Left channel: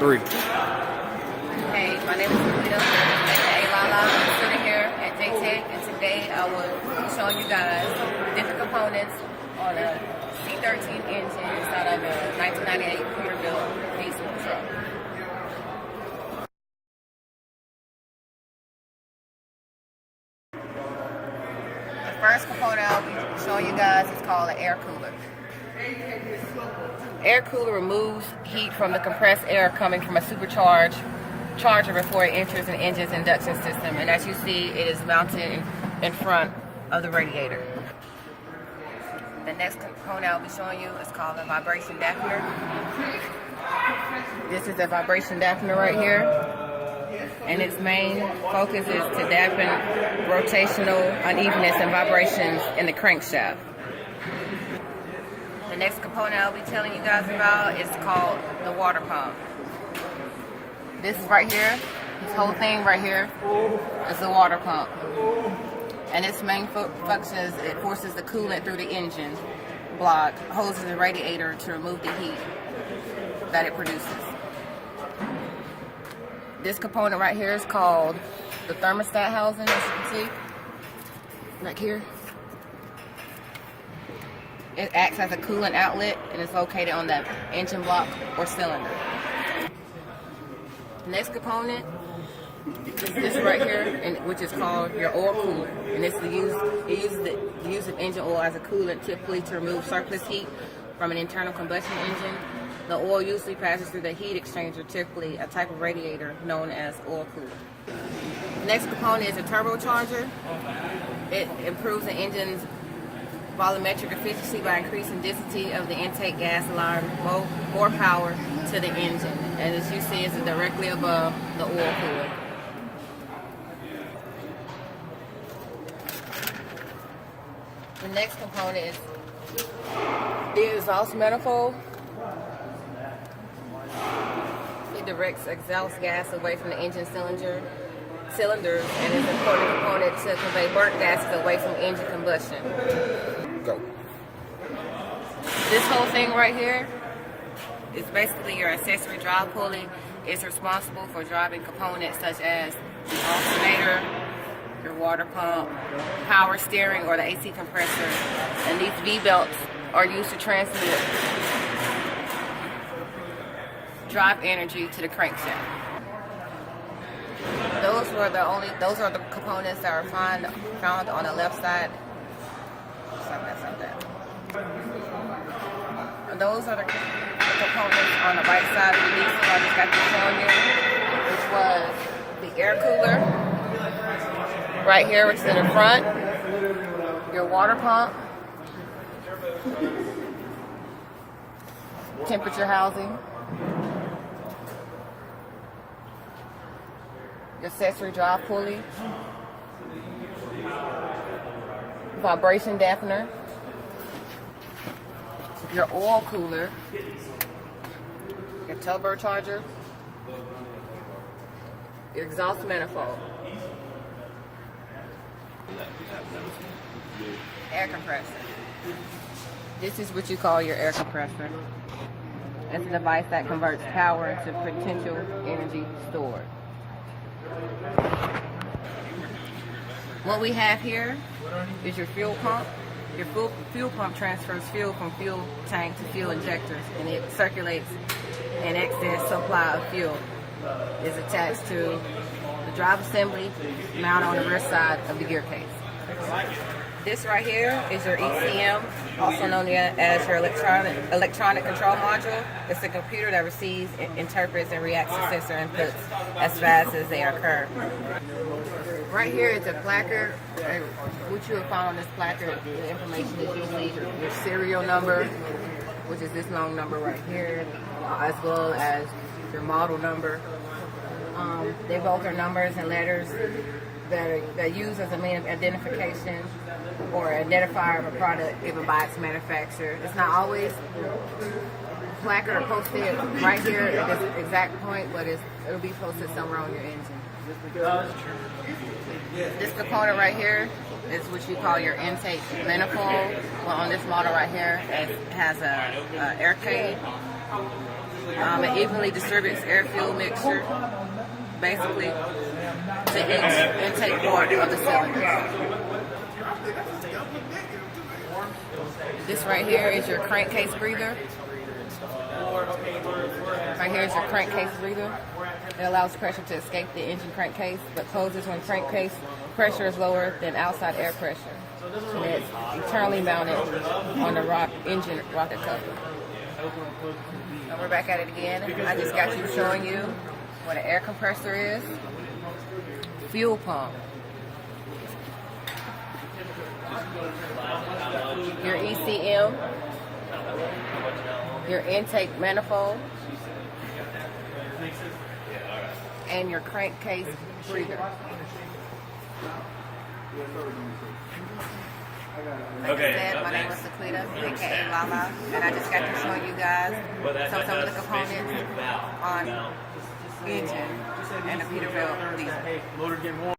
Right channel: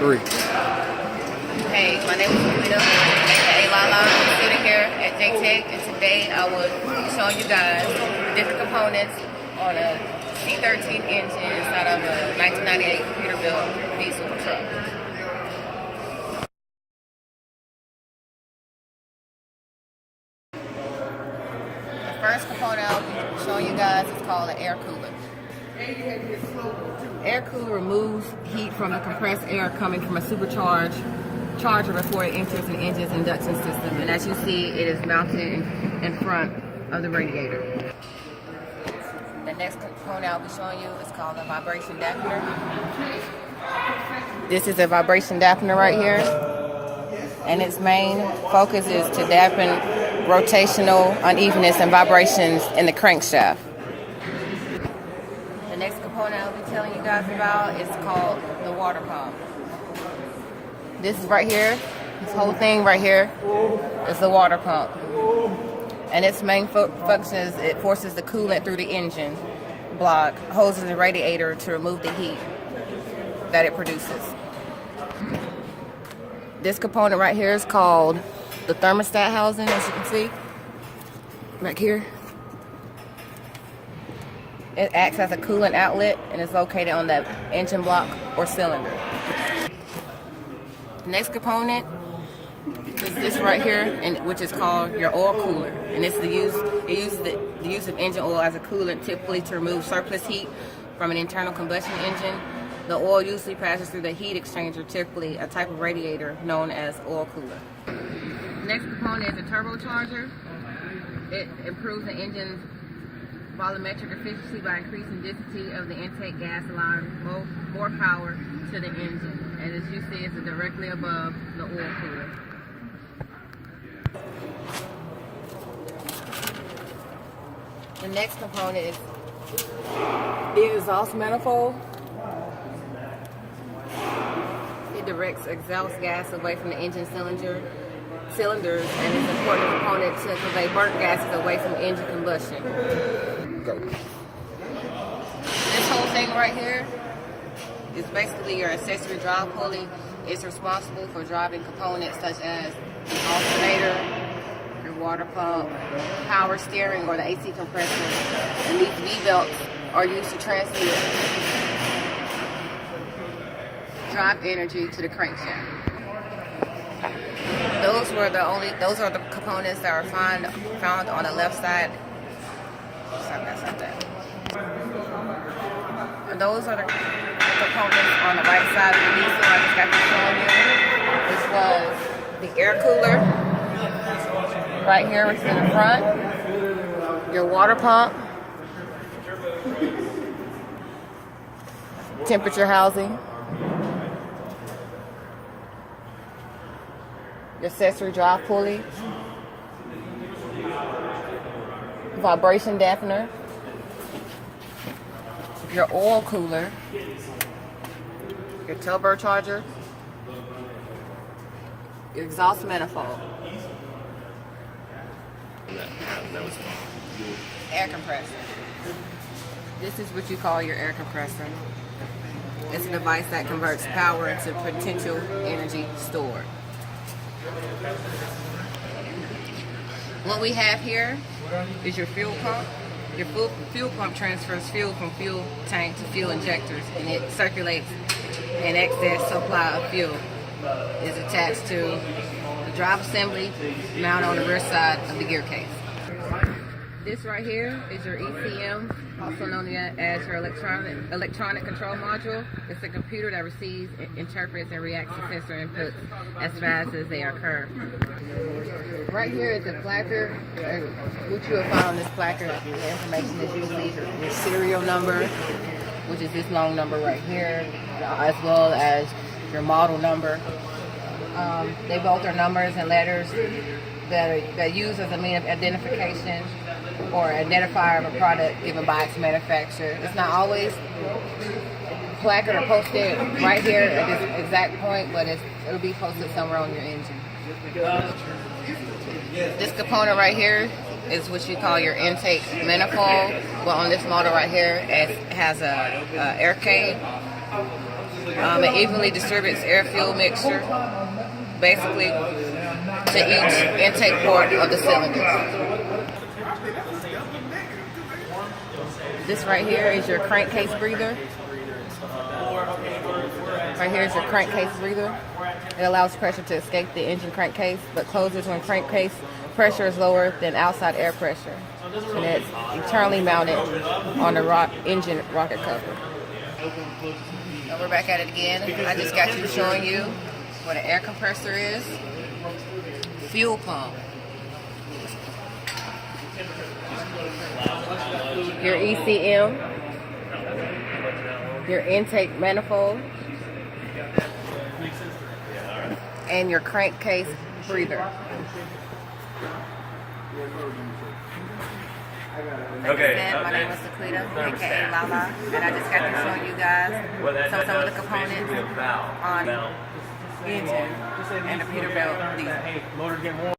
3. Hey, my name is Rita, aka Lala. I'm sitting here at JTech, and today I will be showing you guys the different components on a C13 engine inside of a 1998 Peterbilt diesel truck. The first component I'll be showing you guys is called an air cooler. Air cooler removes heat from the compressed air coming from a supercharged charger before it enters an engine's induction system. And as you see, it is mounted in front of the radiator. The next component I'll be showing you is called a vibration dampener. This is a vibration dampener right here. And its main focus is to dampen rotational unevenness and vibrations in the crankshaft. The next component I'll be telling you guys about is called the water pump. This is right here, this whole thing right here is the water pump. And its main function is it forces the coolant through the engine block, hoses the radiator to remove the heat that it produces. This component right here is called the thermostat housing, as you can see, right here. It acts as a coolant outlet and is located on the engine block or cylinder. The next component is this right here, which is called your oil cooler. And it's it uses the use of engine oil as a coolant, typically to remove surplus heat from an internal combustion engine. The oil usually passes through the heat exchanger, typically a type of radiator known as oil cooler. The next component is a turbocharger. It improves the engine's volumetric efficiency by increasing density of the intake gas, allowing more power to the engine. And as you see, it's directly above the oil cooler. The next component is the exhaust manifold. It directs exhaust gas away from the engine cylinders and is an important component to convey burnt gases away from engine combustion. Go. This whole thing right here is basically your accessory drive pulley. It's responsible for driving components such as the alternator, your water pump, power steering, or the AC compressor. And these V-belts are used to transmit drive energy to the crankshaft. Those are the components that are found on the left side. Sorry, that's not that. And those are the components on the right side of the diesel I just got to show you, which was the air cooler right here, which is in the front, your water pump, temperature housing, your accessory drive pulley, vibration dampener, your oil cooler, your turbocharger, your exhaust manifold, air compressor. This is what you call your air compressor. It's a device that converts power into potential energy stored. What we have here is your fuel pump. Your fuel pump transfers fuel from fuel tank to fuel injectors, and it circulates an excess supply of fuel. It's attached to the drive assembly mounted on the rear side of the gear case. This right here is your ECM, also known as your electronic control module. It's a computer that receives, interprets, and reacts to sensor inputs as fast as they occur. Right here is a placard. What you will find on this placard, the information is usually your serial number, which is this long number right here, as well as your model number. They both are numbers and letters that are used as a means of identification or identifier of a product given by its manufacturer. It's not always placard or posted right here at this exact point, but it'll be posted somewhere on your engine. This component right here is what you call your intake manifold. But on this model right here, it has a air cage It evenly distributes air-fuel mixture, basically, to each intake port of the cylinder. This right here is your crankcase breather. Right here is your crankcase breather. It allows pressure to escape the engine crankcase, but closes when crankcase pressure is lower than outside air pressure. And it's internally mounted on the engine rocket cover. So we're back at it again. I just got you showing you what an air compressor is. Fuel pump. Your ECM. Your intake manifold. And your crankcase breather. Like I said, my name was Laquita, aka Lala, and I just got to showing you guys some of the components on engine and the Peterbilt diesel.